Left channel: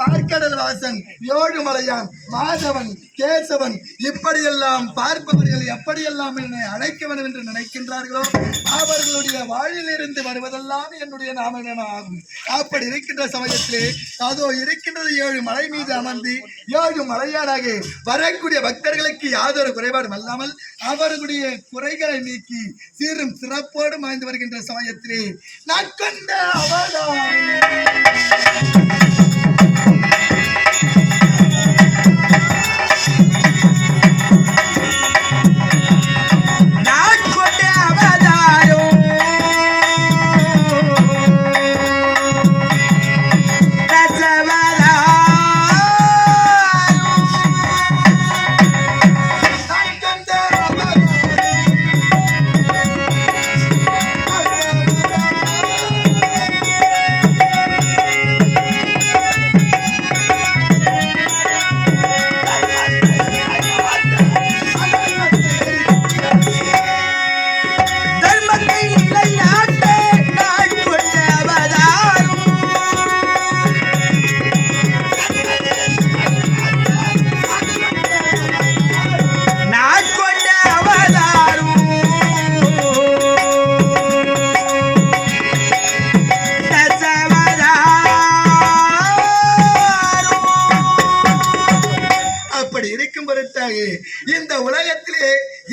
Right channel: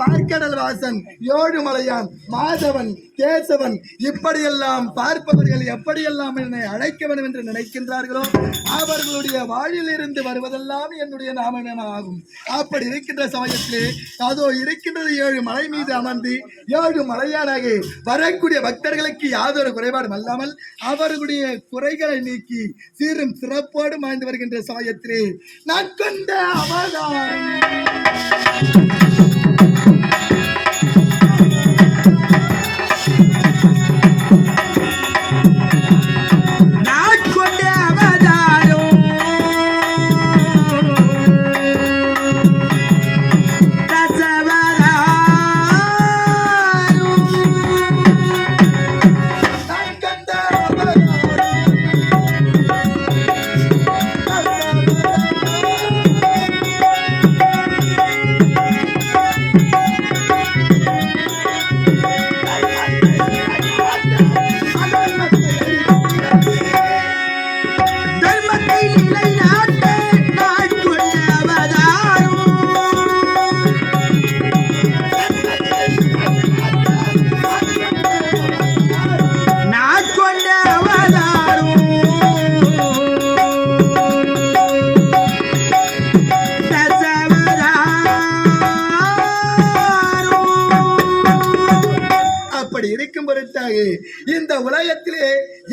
பார்க்கடல் வாசன், ஏழுமலையான், மாதவன், கேசவன் இப்படியெல்லாம் பார்ப்பவர்கள் எப்படியெல்லாம் என்னை அழைக்க வேண்டும் என்று நினைக்கின்றார்களோ அவர்களுடைய வாழிலிருந்து வருவதெல்லாம் என்னுடைய நாமமே ஆகும். அப்படி இருக்கின்ற சமயத்திலே அதோ இருக்கின்றது 7 மலை மீது அமர்ந்து 7 மலையானாக வரக்கூடிய பக்தர்களுக்கு யாதொரு குறைபாடும் அல்லாமல் அவர்களுடைய குறைகளை நீக்கி சீரும் சிறப்போடு மாய்ந்து வருகின்ற சமயத்திலே நான் கொண்ட அவதாரம் இந்த உலகத்திலே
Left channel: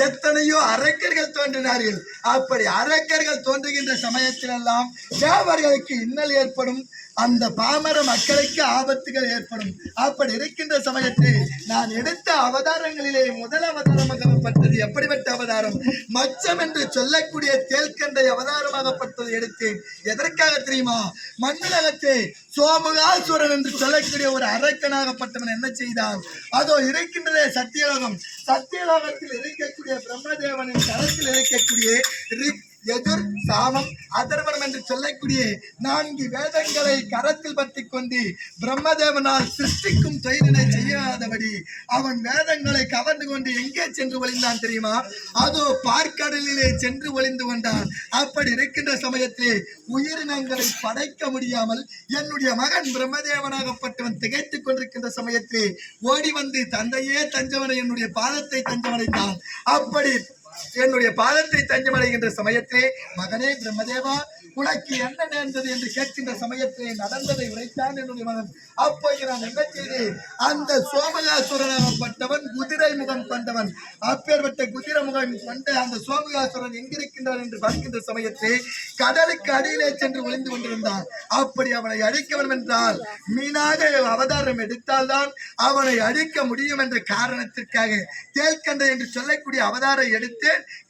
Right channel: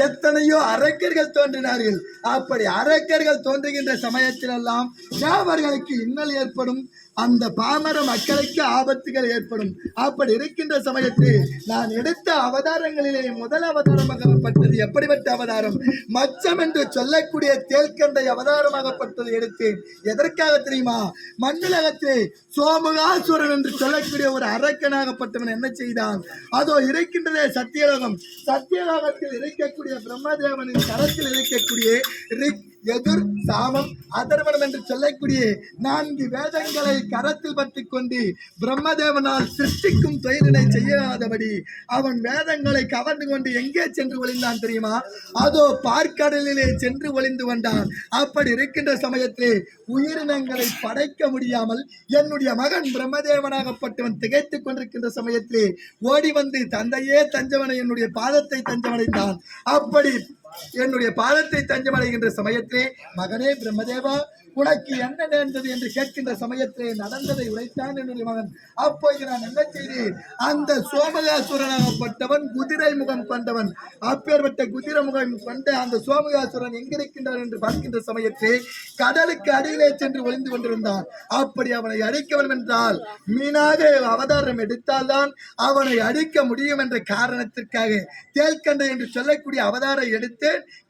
எத்தனையோ அரக்கர்கள் தோன்றினார்கள். அப்படி அரக்கர்கள் தோன்றுகின்ற சமயத்திலெல்லாம் தேவர்களுக்கு இன்னல் ஏற்படும், அந்த பாமர மக்களுக்கு ஆபத்துகள் ஏற்படும். அப்படி இருக்கின்ற சமயத்தில் நான் எடுத்த அவதாரங்களிலே முதல் அவதாரமாகப்பட்டது எப்படிப்பட்ட அவதாரம்? மச்சம் என்று சொல்லக்கூடிய தேல்கண்டை அவதாரமாகப்பட்டது எடுத்தேன். எதற்காக தெரியுமா? மண்ணுலகத்தை சோமுகாசுரன் என்று சொல்லக்கூடிய ஒரு அரக்கனாகப்பட்டவன் என்ன செய்தான்? அதோ இருக்கின்றதே சத்தியலோகம். சத்தியலோகத்தில் இருக்கக்கூடிய பிரம்மதேவனின் கரத்தில் இருக்கக்கூடிய ரிக், எதிர், சாமம், அதர்வனம் என்று சொல்லக்கூடிய 4 வேதங்களை கரத்தில் பற்றி கொண்டு பிரம்மதேவனால் சிருஷ்டிக்கும் தொழிலினை செய்யாதபடி அவன் வேதங்களை கவர்ந்து கொண்டு எங்கே சென்று ஒளிந்தான் தெரியுமா? அதோ பார்க்கடலிலே சென்று ஒளிந்து கொண்டான். அப்படி இருக்கின்ற சமயத்தில் உயிரினங்களை படைக்க முடியாமல் என்னுடைய மகன் பிரம்மதேவனாகப்பட்டவன் திகைத்துக் கொண்டிருக்கின்ற சமயத்தில் ஓடி வந்து தந்தையே தஞ்சவனை என்னுடைய பாதத்தை தஞ்சமடைந்தான். அப்படி என்னுடைய பாதத்தை தஞ்சமடைகின்ற சமயத்திலே மகனே பிரம்மதேவா உனக்கு என்ன நேர்ந்தது என்று கேட்கின்ற சமயத்திலே நடந்ததை உரைத்தான் என்னுடைய மகன். அப்போது நான் என்ன செய்தேன்? அந்த சோமகாசுரனாகப்பட்டவன் குதிரை முகம் கொண்டவன். அப்பேற்பட்ட குதிரை முகம் கொண்ட அந்த சோமகாசுரன் எங்கிருக்கின்றான் என்று பார்க்கின்ற சமயத்திலே கடலுக்கு அடியிலே சென்று ஒளிந்து கொண்டிருந்தான். அப்படி அவனை அழிக்க வேண்டும் என்றால் மீனாக அவதாரம் எடுத்தால்தான் அவனை அழிக்க முடியும் என்ற காரணத்திற்காக தேல்கண்டை என்று சொல்லக்கூடிய அவதாரம் எடுத்து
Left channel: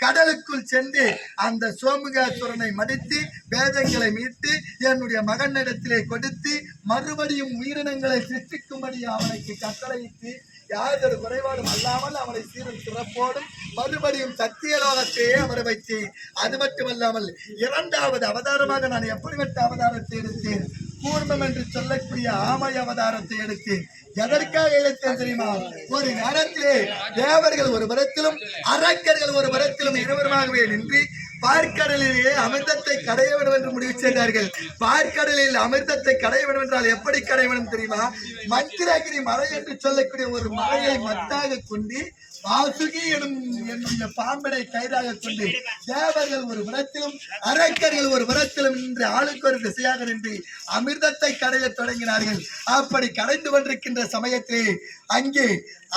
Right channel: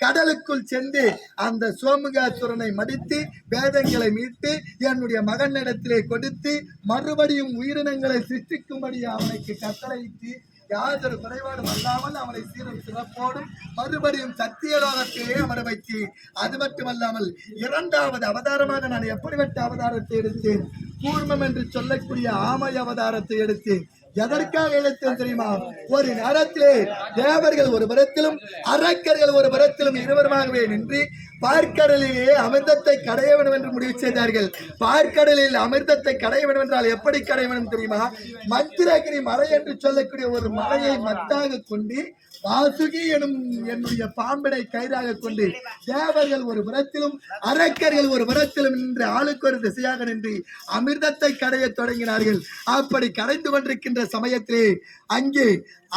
கடலுக்குள் சென்று அந்த சோமுகாசுரனை மடித்து வேதங்களை மீட்டு என்னுடைய மகனிடத்திலே கொடுத்து மறுபடியும் உயிரினங்களை சிருஷ்டிக்கும்படி அவனுக்கு கட்டளையிட்டு யாதொரு குறைபாடும் அல்லாமல் அவனை சீரும் சிறப்போடும் மறுபடியும் சத்தியலோகத்தையே அமர வைத்து அது மட்டுமல்லாமல் 2வது அவதாரமாக நான் எப்படிப்பட்ட அவதாரத்தை எடுத்தேன்? கூர்மம் என்று சொல்லக்கூடிய ஆமை அவதாரத்தை எடுத்தேன். எதற்காக எடுத்தேன் தெரியுமா? ஒரு நேரத்திலே தேவர்கள் ஒரு புறத்திலும் அரக்கர்கள் ஒரு புறத்திலும் இருவருமாகவே நின்று பார்க்கடலிலே அமிர்தத்தை கடைய வேண்டும் என்று முடிவு செய்தார்கள். பார்க்கடலில் அமிர்தத்தை கடைய வேண்டும் என்றால் எப்படி கடைய வேண்டும் தெரியுமா? மந்திரகிரி மலை என்று சொல்லக்கூடிய ஒரு மலையை மத்தாக கொண்டு வாசுகி எனும் என்னுடைய பாம்பினை கயிறாக கொண்டு தேவர்கள் ஒரு புறத்திலும் அரக்கர்கள் ஒரு புறத்திலும் நின்று ஆளுக்கு ஒரு திசையாக நின்று அமிர்தத்தை கடைய தொடங்கினார்கள். அப்படி கடைந்து கொண்டிருக்கின்ற சமயத்திலே அங்கே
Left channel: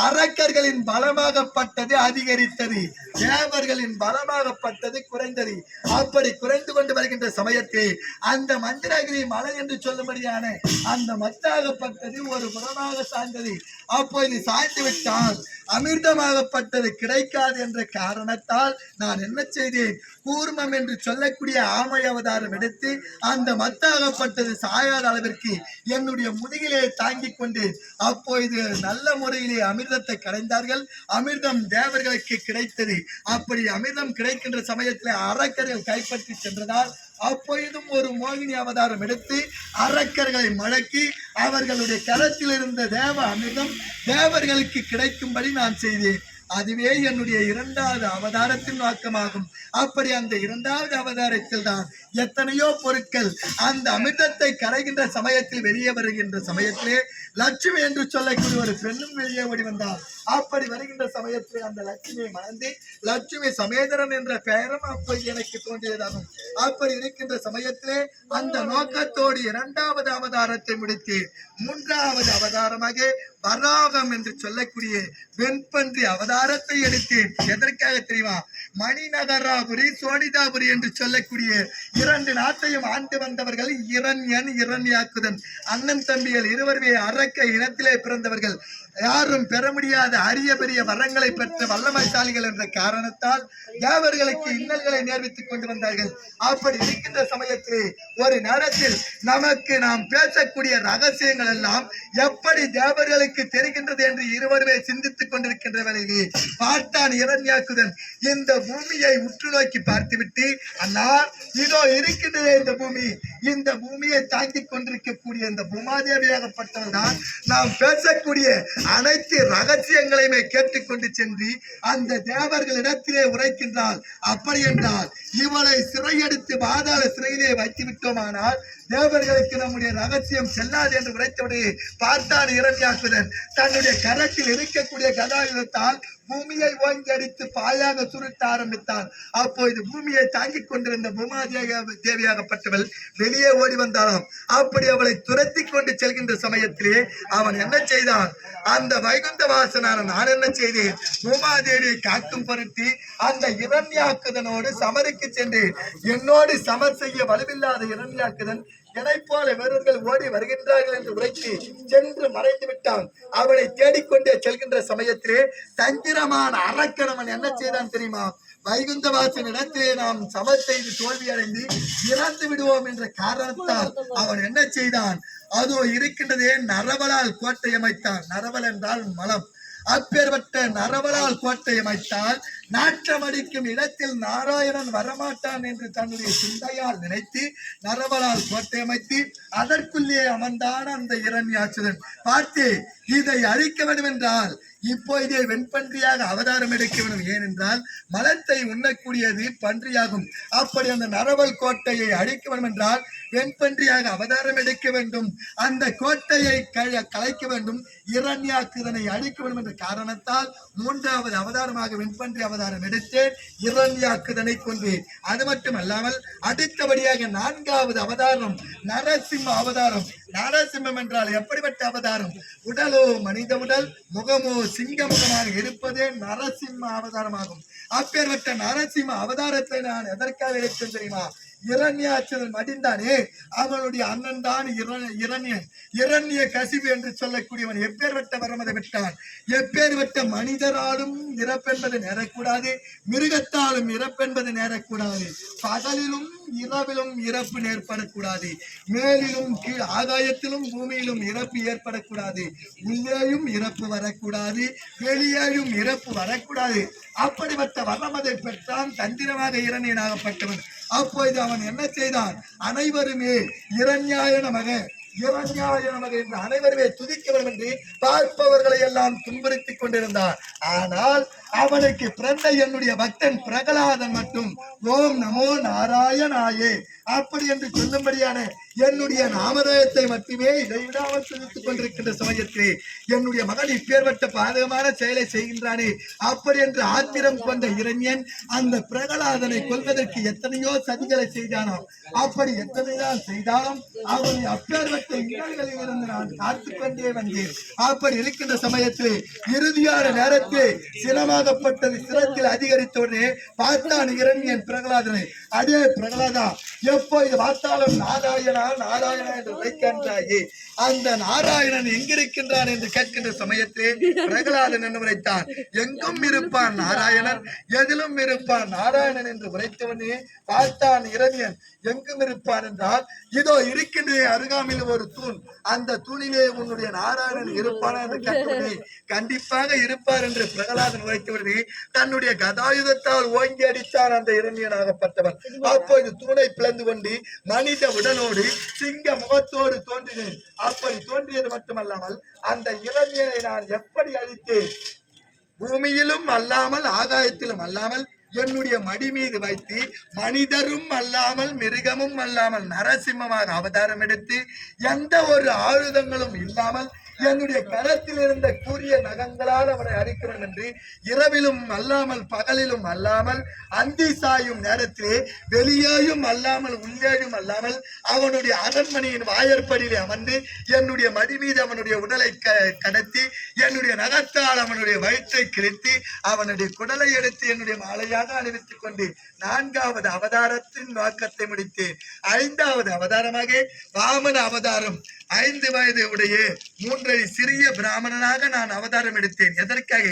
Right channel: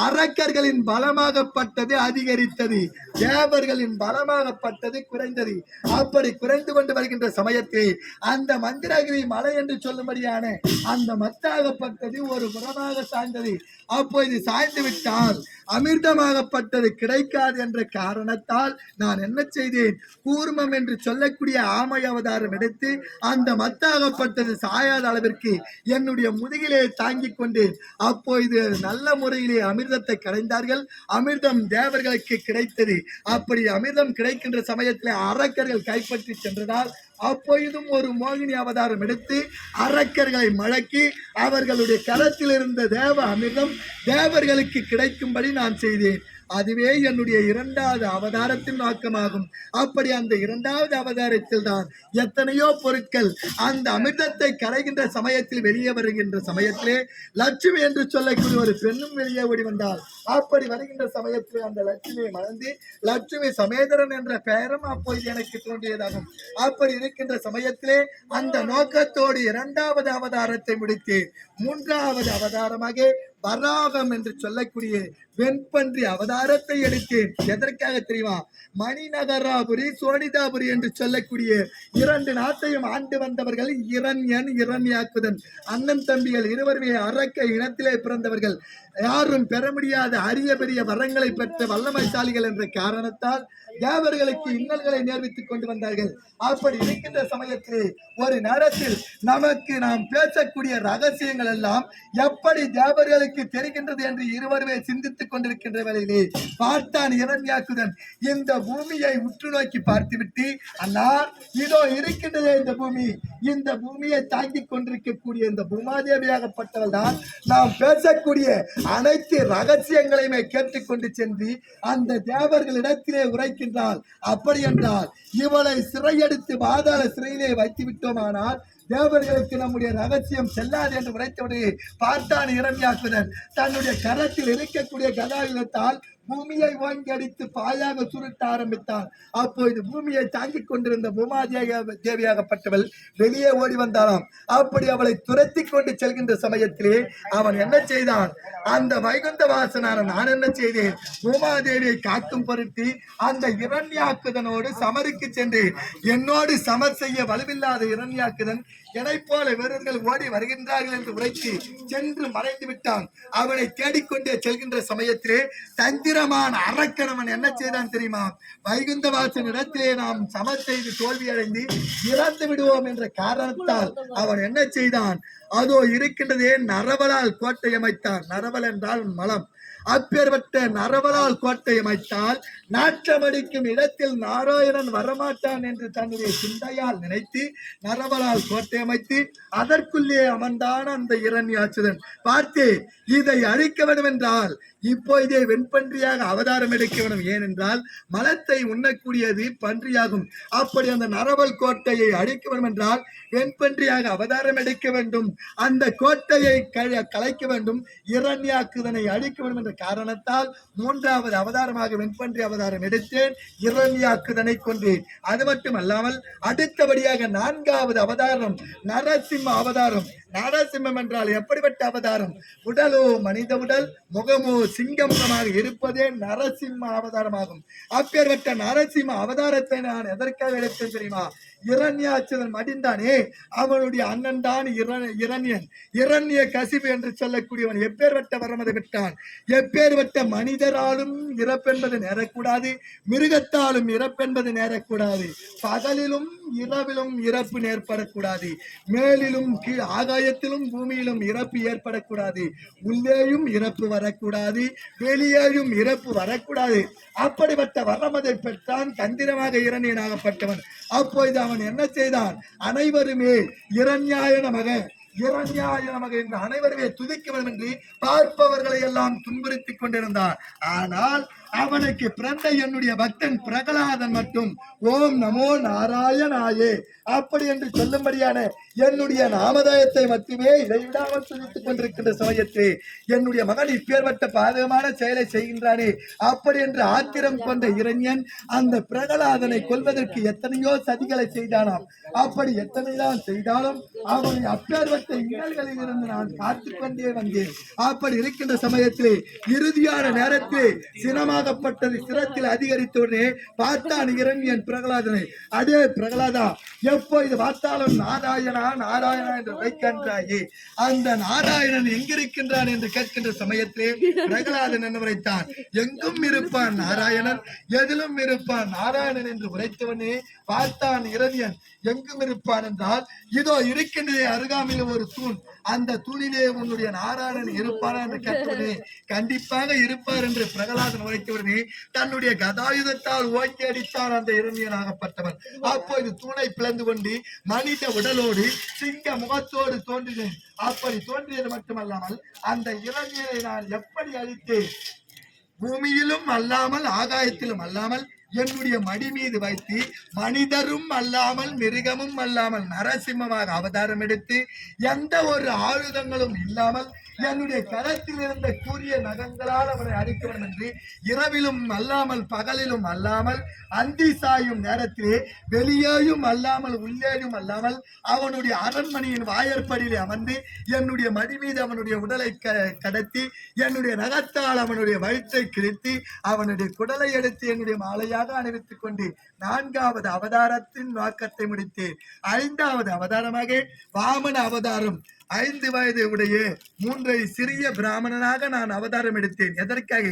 அரக்கர்களின் பலமாகப்பட்டது அதிகரித்தது, தேவர்களின் பலமாகப்பட்டது குறைந்தது. அப்படி குறைந்து கொண்டு வருகின்ற சமயத்தில் அந்த மந்திரகிரி மலை என்று சொல்லும்படியான அந்த மத்தாகப்பட்டது ஒரு புறமாக சாய்ந்தது. அப்போது சாய்ந்து விட்டால் அமிர்தமாகப்பட்டது கிடைக்காது என்ற காரணத்தால் நான் என்ன செய்தேன்? கூர்மம் என்று சொல்லக்கூடிய ஆமை அவதாரம் எடுத்து அந்த மத்தாகப்பட்டது சாயாத அளவிற்கு என்னுடைய முதுகிலே தாங்கிக் கொண்டு அப்போது நல்ல முறையிலே அமிர்தத்தை கடைந்தார்கள். அமிர்தம் தேவர்களுக்கு கிடைத்தது. அப்படி அமிர்தம் கிடைக்கின்ற சமயத்தில் அரக்கர்கள் கைப்பற்றி சென்றதால் அப்பொழுதும் ஒரு மோகினி அவதாரம் எடுத்து அரக்கர்களை மழக்கி அவர்களுடைய கரத்தில் இருந்த தேவ அமிர்தம் தேவர்களுக்கு கிடைக்கும்படி நான் செய்தேன். அதுவே என்னுடைய இரண்டாவது அவதாரத்தின் நோக்கமாகும். அப்படி அந்த இரண்டாவது அவதாரத்தில் தான் எத்தனையோ பொருட்கள் அந்த அமிர்தத்தை கரைகின்ற சமயத்தில் வெளியே வருகின்ற சமயத்திலே லட்சுமி என்று சொல்லக்கூடிய ஒரு பெண்ணும் வெளியே ஓடி வந்தாள். அப்படி வருகின்ற சமயத்தில் அந்த லட்சுமியை மணந்து லட்சுமி சமேதரன் என்ற பெயரும் அப்போது எனக்கு தோன்றியதாகும். அப்படி இருக்கின்ற சமயத்திலே அந்த நோக்கத்தோடு இரண்டாவது அவதாரத்தை முடித்து மூன்றாவது அவதாரமாக வராகம் என்று சொல்லக்கூடிய வெண்பன்றி அவதாரத்தை எடுத்தேன். எதற்காக தெரியுமா? மணிநகராபுரி சோனிதாபுரி என்று சொல்லக்கூடிய இரண்டு நாட்டையும் ஆண்டு வந்தவர்கள் இரண்யன் இரண்யாக்குதன் அண்ணன் தம்பிகள் இருவருமே அரக்க இனத்திலே பிறந்தவர்கள். யாரும் பெற முடியாத அரிய பெரிய வரங்களை பெற்ற வல்லமைசாலிகள் என்ற காரணத்தால் தேவர்களுக்கு இன்னல்களை நேர்வித்துக் கொண்டு வந்தார்கள். அப்படி இருக்கின்ற சமயத்திலே ஒரு நேரத்தில் நமக்கு நாம் பேசக்கூடிய ரகசியங்கள் எல்லாம் எப்படி தேவர்களுக்கு தெரிகின்றது என்று இருவருமே சிந்தித்துக் கொண்டிருக்கின்ற வேளையிலே பார்த்தான் இரண்யாக்குதன். இந்த பூமியை உற்று நோக்கி பார்த்துவிட்டு, அண்ணா இதோ இருக்கின்றது இந்த பூமி, இந்த பூமியை தாங்கிக் கொண்டிருக்கக்கூடிய இந்த பூமாதேவியாகப்பட்டவள் தான் நாம் பேசக்கூடிய அனைத்து ரகசியங்களையுமே கேட்டுக்கொண்டு சென்று அந்த தேவர்களிடத்திலே உரைக்கின்றாள். அப்படி என்றால் இவளை சிறையெடுத்து பாதாள சிறையிலே வைத்து விட்டோமானால் தேவர்களுக்கு நம்முடைய ரகசியம் செல்லாது என்று உரைத்தபடி பார்த்தான் இரண்யாக்குதன். தன்னுடைய கரத்தில் இருக்கக்கூடிய கதாயுதத்தால் பூமியை ஓங்கி அடித்து பாயாக சுருட்ட ஆரம்பித்தான். அப்போது பூமியை தாங்கிக் கொண்டிருந்த தேவியாகப்பட்டவள் வெளியே ஓடி வந்தானாம். அப்படி அவளை துரத்தி கொண்டு செல்கின்ற சமயத்திலே அவன் என்ன செய்தான்? அந்த வைகுந்த வாசனான நான் என்ன செய்தேன்? பூமாதேவியை காக்கும் பொருத்தி அந்த இரண்யாக்குதனோடு சமருக்கு சென்றேன். என்னோடு சமர் செய்ய வலுவில்லாத இரண்யாக்குதன் என்னை போல வீரர்கள் ஓடி வருகின்றார்கள் என்று உரைத்து சென்று மறைந்து விட்டான். அவனை தேடிக்கொண்டே செல்கின்ற சமயத்திலே தந்திரமான அரக்கணவன் என்ன செய்தான் தெரியுமா? வைகுந்த வாசன் இடத்திலே நாம் சமர் செய்து தோல்வி அடைந்து இறந்து விடுவோம் என்ற காரணத்தால் அவன் என்ன செய்தான்? அதோ இருக்கின்றதே நரவலால் கோட்டை அமைத்தான். நரவல் என்றால் மலம். அப்பேற்பட்ட நரவலால் கோட்டை அமைத்தால் நாற்றமடிக்கும் இடத்தில் நாராயணன் வரமாட்டான் என்று தன்னுடைய சிந்தையால் நினைத்து நரவலால் கோட்டை அமைத்து அதற்குள்ளே அமர்ந்தான் அந்த இரண்யாட்சுதன். பார்த்து இதை அழிக்க வேண்டும் என்றால் இப்போ இதை வெண்பன்றியாக அவதாரம் எடுக்க வேண்டும். ஏனென்றால் மலத்தை உண்ணக்கூடியது பன்றியாகும். அப்படி அந்த நரவல் கோட்டையை அழிக்க வேண்டும் என்றால் வெண்பன்றியாக அவதாரம் எடுக்க வேண்டும். அந்த கோட்டையை கலைக்க வேண்டும். இரண்யாக்குதனை அழிக்க வேண்டும் என்ற காரணத்தால் மூன்றாவது அவதாரமாக வெண்பன்றி அவதாரம் எடுத்தேன். இரண்யாக்குதனை கொன்றேன். அது மட்டுமல்லாமல் அடுத்தபடியாக நான்காவது அவதாரம் நரசிம்ம அவதாரம். நரசிம்மம் என்றால் எப்படிப்பட்ட அவதாரம்? உடலோ மனித உடல், முகமோ சிங்க முகமாக இருப்பதே நரசிம்ம அவதாரமாகும். அப்பேற்பட்ட நரசிம்ம அவதாரத்தை நான் எதற்காக எடுத்தேன் தெரியுமா? இரண்யாட்சுதன் மடிந்தானே அவனுடைய அண்ணன் தான் இரண்யன். இரண்ய கசிவு என்று சொல்லக்கூடியவன் எப்பேற்பட்ட வரமதை விட்டான். எப்பேற்பட்ட மனிதராலும் இறப்பென்பது நேரக்கூடாது, மிருகத்தாலும் இறப்பென்பது நேரக்கூடாது. பகலிலும் இரவிலும் இறப்பு ஏற்படக்கூடாது. மேலிலும் கீழ் ஆகாயத்திலும் பூமியிலும் இறப்பு ஏற்படக்கூடாது. உள்ளேயும் இறப்பு வரக்கூடாது, வெளியேயும் இறப்பு வரக்கூடாது. அப்படிப்பட்ட வரமதை பெற்றான் தந்திரமாக இரண்யனாகப்பட்டவன். அப்போது அவன் என்ன செய்தான்? அனைவருமே இரண்யாய நமக இரண்யாய நமக என்று அனைவருமே துதிக்க வேண்டும் என்று பார்ப்பவர்களை எல்லாம் துன்புறுத்திக் கொண்டிருந்தார். ஆனால் அவனுக்கு பிறந்த என்னுடைய பக்தன் பிரகலாதன் மட்டும் ஓம் நமோ நாராயணாயே அப்படி என்று சொல்லும்படியான என்னுடைய நாமதாயத்தை மட்டுமே இடைவிடாமல் துதித்துக் கொண்டிருக்கின்ற சமயத்தில் என்னுடைய மகன் இப்பேற்பட்ட பாதகமான செயலை செய்கின்றானே அப்படி என்று ஆத்திரம் கொண்ட இரண்யன் அந்த பிரகலாதனை கொல்வதற்கு எத்தனையோ சதிகளை செய்தானாம். அப்படி எத்தனைதான் செய்தாலும் அவனை அப்பேற்பட்ட இன்னல்களில் இருந்து நான் காத்துக்கொண்டே வந்தேன். அப்படி இருக்கின்ற சமயத்திலே இறுதியான நேரத்தில் சினமாகப்பட்டது சிரத்தில் அதிகரித்தோடனே பார்த்தான் இரண்யன் பிரகலாதனை. அதே பிரகலாதா எப்போ இது பார்த்தாலும் நாராயணா நாராயணா என்று வைக்கின்றாயே, அந்த நாராயணன் எங்கிருக்கின்றான் என்று கேட்கின்ற சமயத்திலே பிரகலாதன் என்று உரைத்தான். எங்கும் இருப்பான் நாராயணன், எதிலும் இருப்பான் நாராயணன் என்று உரைத்தவனே பார்த்தான் இரண்யன். எங்கும் இருப்பான் என்றால் இதோ இருக்கின்றே அருகாமையில் ஒரு தூண், அந்த தூணிலே உன்னுடைய நாராயணன் இருப்பானா என்று கேட்டவனே கண்டிப்பாக இருப்பார் என்று பிரகலாதன் உரைத்தவனே தன்னுடைய கதாயுதத்தால் ஓங்கி அடித்தான் அந்த இரண்யனாகப்பட்டவன். அப்போது தூணை பிளந்து கொண்டு மனித உடலோடு சிங்க முகத்தோடு தோன்றினேன். அப்படி தோன்றியது மட்டுமல்லாமல் அந்த இரண்யனை நான் எப்படி அழித்தேன்? பூமியிலும் அல்லாமல் ஆகாயத்திலும் அல்லாமல் என்னுடைய மடி மீது வைத்து மனிதரும் அல்லாமல் மிருகமும் அல்லாமல் நரசிம்மமாக அவதாரம் எடுத்து எந்த ஒரு ஆயுதங்களும் இல்லாமல் என்னுடைய கரத்தில் இருந்த கூரிய நகங்களால் அவனை அழிக்கிறேன் என்று இரவிலும் அல்லாமல் பகலிலும் அல்லாமல் அந்தி சாயும் நேரத்திலே வெளியேயும் அல்லாமல் உள்ளேயும் அல்லாமல் அவனுடைய அரண்மனையின் வாயற்படியிலே அமர்ந்து என்னுடைய மடி மீது அவனுடைய உடலை கடத்தி என்னுடைய நகத்தால் அவனுடைய வயிற்றை கிழித்து அவனுடைய குடலை எடுத்து என்னுடைய மாலையாக அணிவித்துக் கொண்டு 4வது அவதாரத்தின் நோக்கத்தை முடித்தேன். 5வது அவதாரமாக வாமன அவதாரம் 5 வயது உடைய 3 சிறிய பிராமணனாக நான் அவதாரம் எடுத்தேன். எதற்காக?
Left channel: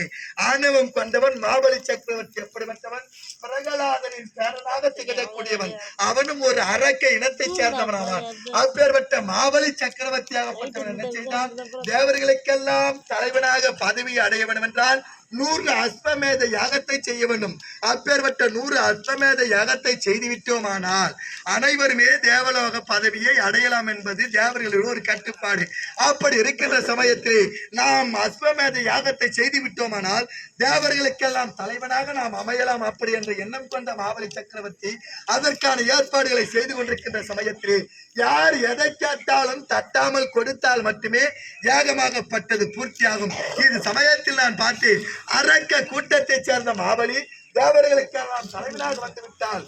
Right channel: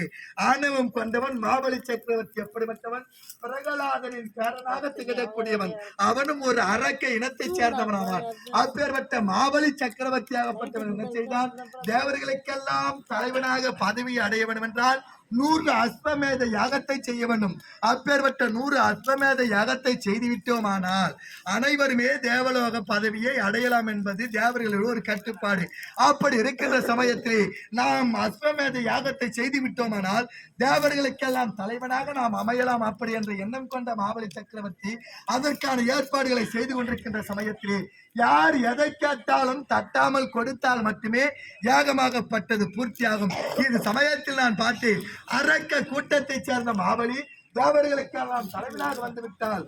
ஆணவம் கொண்டவன் மாபலி சக்கரவர்த்தி எப்படிப்பட்டவன்? பிரகலாதனின் பேரனாக திகழக்கூடியவன். அவனும் ஒரு அரக்க இனத்தை சேர்ந்தவன் ஆவான். அப்பேற்பட்ட மாபலி சக்கரவர்த்தியாகப்பட்டவன் என்ன செய்தான்? தேவர்களுக்கெல்லாம் தலைவனாக பதவி அடைய வேண்டும் என்றால் 100 அஸ்வமேத யாகத்தை செய்ய வேண்டும். அப்பேற்பட்ட 100 அஸ்வமேத யாகத்தை செய்துவிட்டோமானால் அனைவருமே தேவலோக பதவியை அடையலாம் என்பது தேவர்களுடைய ஒரு கட்டுப்பாடு. அப்படி இருக்கின்ற சமயத்தில் நாம் அஸ்வமேத யாகத்தை செய்து விட்டோமானால் தேவர்களுக்கெல்லாம் தலைவனாக நாம் அமையலாம் அப்படி என்ற எண்ணம் கொண்ட மாபலி சக்கரவர்த்தி அதற்கான ஏற்பாடுகளை செய்து கொண்டிருக்கின்ற சமயத்தில் யார் எதை கேட்டாலும் தட்டாமல் கொடுத்தால் மட்டுமே யாகமாகப்பட்டது பூர்த்தியாகும். இது சமயத்தில் நான் பார்த்தேன். அரக்க கூட்டத்தை சேர்ந்த மாபலி தேவர்களுக்கெல்லாம் தலைவனாக வந்துவிட்டால்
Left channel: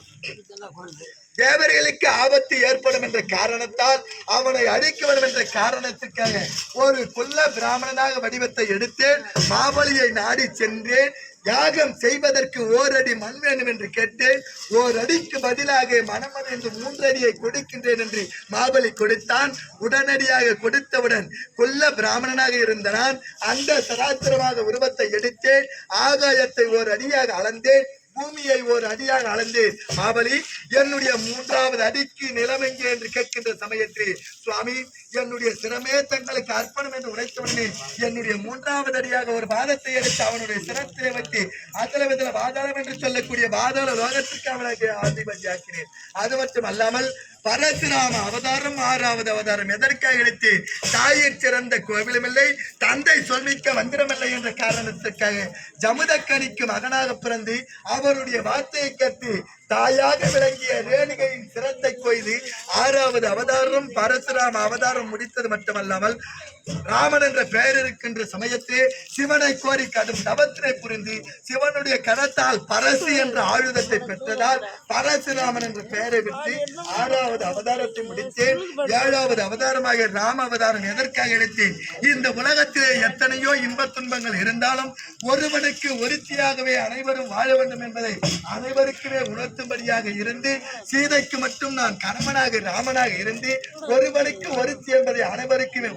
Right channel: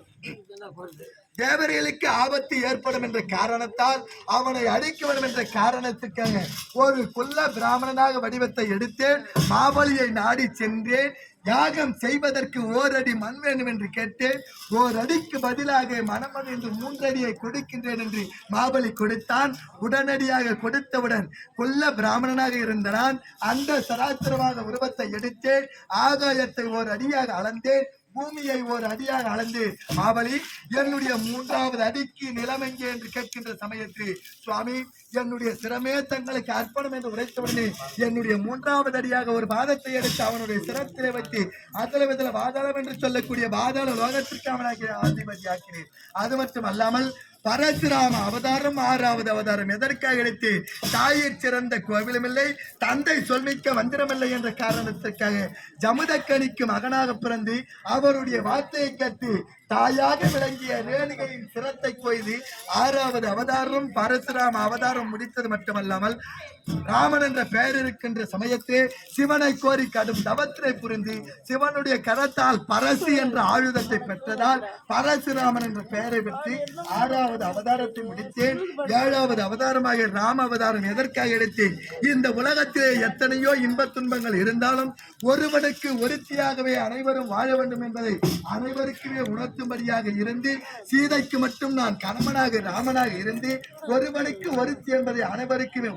தேவர்களுக்கு ஆபத்து ஏற்படும் என்ற காரணத்தால் அவனை அழிக்க வேண்டும் என்ற காரணத்திற்காக ஒரு குள்ள பிராமணனாக வடிவத்தை எடுத்தேன். மாபலியை நாடி சென்றேன். யாகம் செய்வதற்கு 1 அடி மண் வேண்டும் என்று கேட்டேன். 1 அடிக்கு பதிலாக மனமது என்று 3 அடியை கொடுக்கின்றேன் என்று மாபலி கொடுத்தான். உடனடியாக கொடுத்தவுடன் குள்ள பிராமணனாக இருந்த நான் அந்த சராத்திரமாக உருவத்தை எடுத்தேன். ஆகாயத்தை 1 அடியாக அளந்தேன். பூமியை 1 அடியாக அளந்து மாபலி என்னுடைய 3வது அடிக்கு நிலைமைங்க என்று கேட்கின்ற சமயத்தில் சுவாமி என்னுடைய சிரமே தங்களுக்கு அர்ப்பணம் என்று உரைத்தவனே என்னுடைய 3வது அடியாக ஒரு பாதத்தை எடுத்து அவனுடைய சிரத்திலே வைத்து அதல பாதாளம் என்று சொல்லக்கூடிய பாதாள லோகத்திற்கு அவனுக்கு ஆதிபதியாக்கினேன். அது மட்டும் அல்லாமல் பரசுராம அவதாரம் 6வது அவதாரம் எதற்காக எடுத்து தாயிற் சிறந்த கோவிலுமில்லை தந்தை சொல்மிக்க மந்திரமில்லை என்ற காரணத்திற்காக ஜமுதக்கனிக்கு மகனாக பிறந்து அவருடைய வார்த்தையை கேட்டு தாயாக விளங்கிய ரேணுகையின் சிரத்தை கொய்து 6வது அவதாரம் பரசுராம அவதாரம் முடித்தது மட்டுமல்லாமல் ராமன் என்ற பெயர் இருக்கின்ற சமயத்தில் சிவனை கோரி கடும் தவத்தினை புரிந்து சிவனுடைய கரத்தால் பரசு என்ற ஆயுதத்தை பெற்றதால் பரசுராமன் என்ற பெயரை பெற்று 6வது அவதாரத்தை முடித்தேன். 7வது அவதாரமாக ராம அவதாரம் எதற்காக எடுத்தேன்? இந்த உலகத்திலே எத்தனையோ இன்பத் துன்பங்கள் இருந்தாலும் ஒருவனுக்கு ஒருத்தியாகவே அனைவரும் வாழ வேண்டும் என்பதை அனைவருக்குமே உணர்த்தும்படியாக இருந்து சீதைக்கு மட்டும் நான் கணவனாக ராமனாக இருந்து ஒருவனுக்கு ஒருத்தி என்பதை அனைவருக்குமே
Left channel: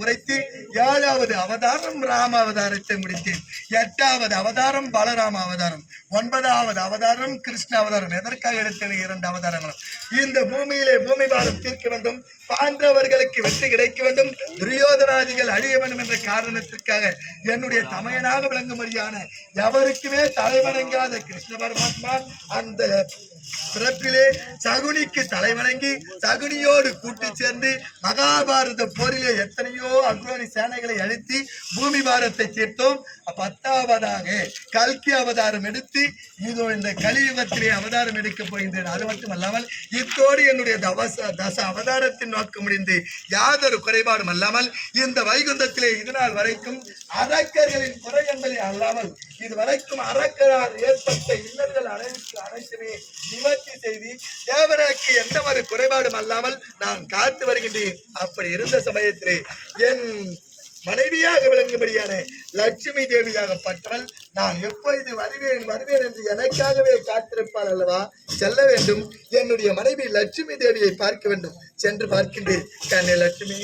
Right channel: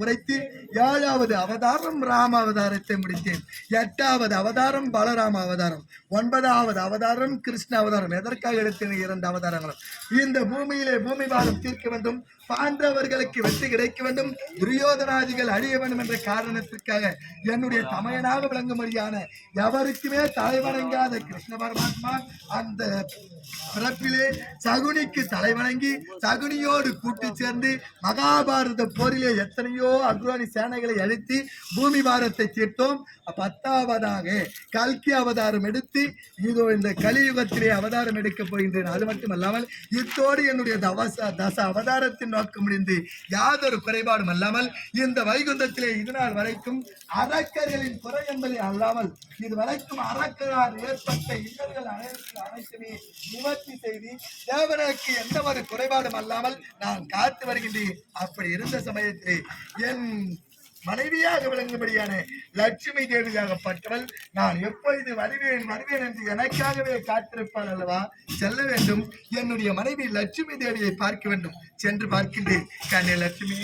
உரைத்து 7வது அவதாரம் ராம அவதாரத்தை முடித்தேன். 8வது அவதாரம் பலராம அவதாரம். 9வது அவதாரம் கிருஷ்ண அவதாரம். எதற்காக எடுத்தேன்? 2 அவதாரங்களும் இந்த பூமியிலே பூமி பாரம் தீர்க்க வேண்டும், பாண்டவர்களுக்கு வெற்றி கிடைக்க வேண்டும், துரியோதனாதிகள் அழிய வேண்டும் என்ற காரணத்திற்காக என்னுடைய தமையனாக விளங்கும்படியான எவருக்குமே தலைவணங்காத கிருஷ்ண பரமாத்மா அந்த பிறப்பிலே சகுனிக்கு தலைவணங்கி சகுனியோடு கூட்டி சேர்ந்து மகாபாரத போரிலே எத்தனையோ அக்ரோனி சேனைகளை அழித்து பூமி பாரத்தை தீர்த்தோம். 10வதாக கல்கி அவதாரம் எடுத்து இதோ இந்த கலியுகத்திலே அவதாரம் எடுக்கப் போகின்றேன். அது மட்டுமல்லாமல் இத்தோடு என்னுடைய தச அவதாரத்தின் நோக்கம் முடிந்து யாதொரு குறைபாடும் அல்லாமல் இந்த வைகுந்தத்திலே இதுநாள் வரைக்கும் அரக்கர்களின் குறை என்பதை அல்லாமல் இதுவரைக்கும் அரக்கரால் ஏற்பட்ட இன்னல்கள் அனைத்துமே நிவர்த்தி செய்து தேவனுக்கு எந்த ஒரு குறைபாடும் அல்லாமல் நான் காத்து வருகின்றேன். அப்படி இருந்த சமயத்திலே என் மனைவியாக விளங்கும்படியான லட்சுமி தேவியாகப்பட்டவள் நான் எப்பொழுது வருவேன் என்று எனக்காகவே காத்திருப்பாள் அல்லவா? செல்ல வேண்டும். என்னுடைய மனைவி லட்சுமி தேவியை பார்க்க வேண்டும். சென்று பார்க்கின்றேன். கண்ணே லட்சுமி.